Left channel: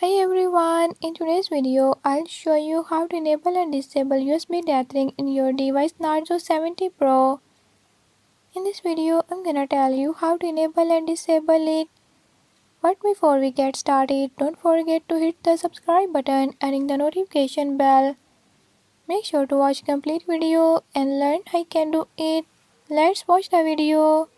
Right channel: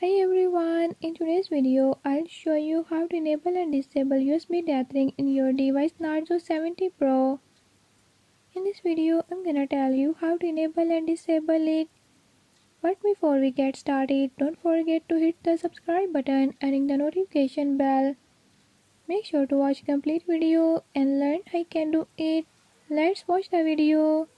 Hi everyone, in today's video I'll show you how to enable and disable USB tethering in your device Narzo 70 Pro. In this video I'm gonna tell you how to enable and disable it. But before we get started, don't forget to hit the subscribe button and ring the notification bell. Make sure to watch complete video and learn how I can do it. Let's watch the video.